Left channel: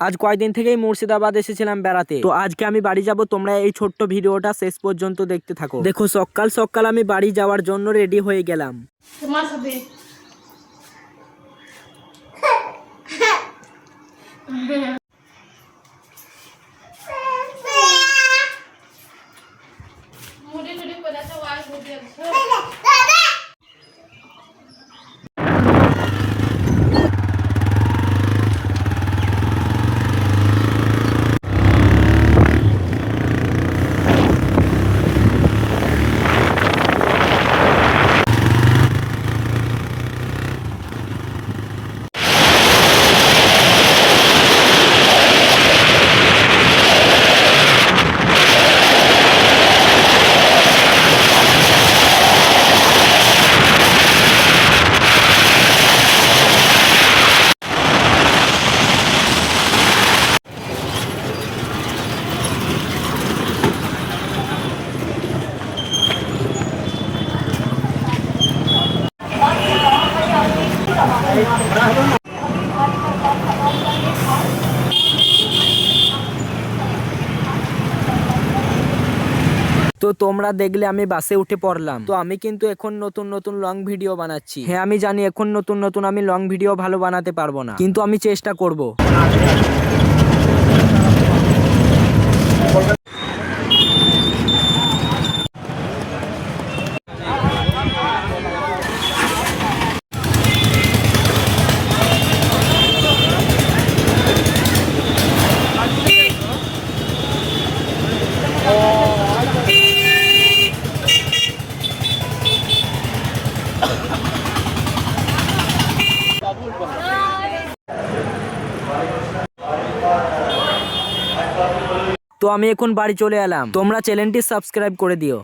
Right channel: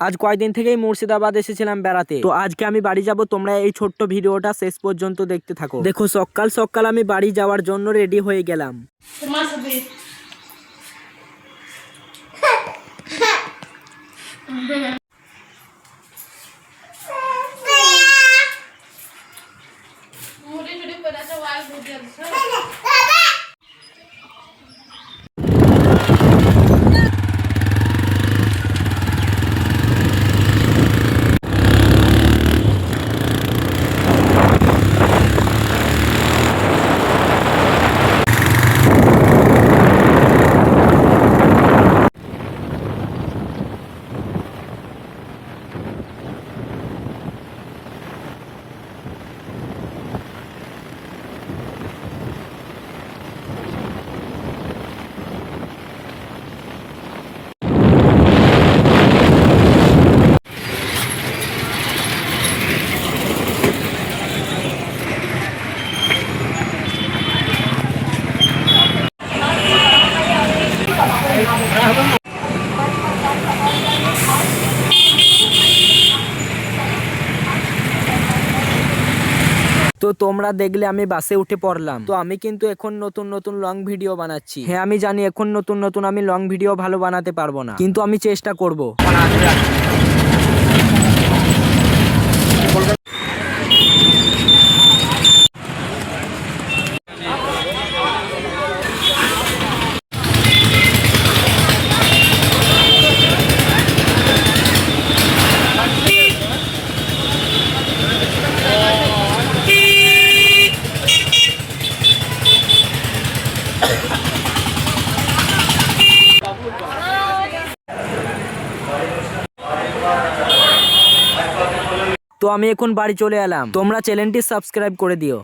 আজ কয়েকদিন থেকেই মুর্শিদাবাদ এসেছিলাম বেড়াতে। তো আজকে আমি বাড়ি যাব, তোমরা এই ছোট্ট ভিডিওটা শেষ পর্যন্ত দেখতে থাকো। দেখো সকাল সকাল আমি বাড়ি যাওয়ার জন্য রেডি হয়ে গেলাম। তো তোমরা দেখলে আমি বাসে উঠে পড়লাম। তো আমি কিন্তু এখন নতুন নতুন লং ভিডিও বানাচ্ছি। হ্যাঁ আমি জানি এখন নতুন নতুন আমি লং ভিডিও ভালো বানাতে পারবো না, কিন্তু আমি চেষ্টা করব। তো আমি এখন বাড়ি চলে এলাম। তোমরা চ্যানেলটি সাবস্ক্রাইব করে দিও।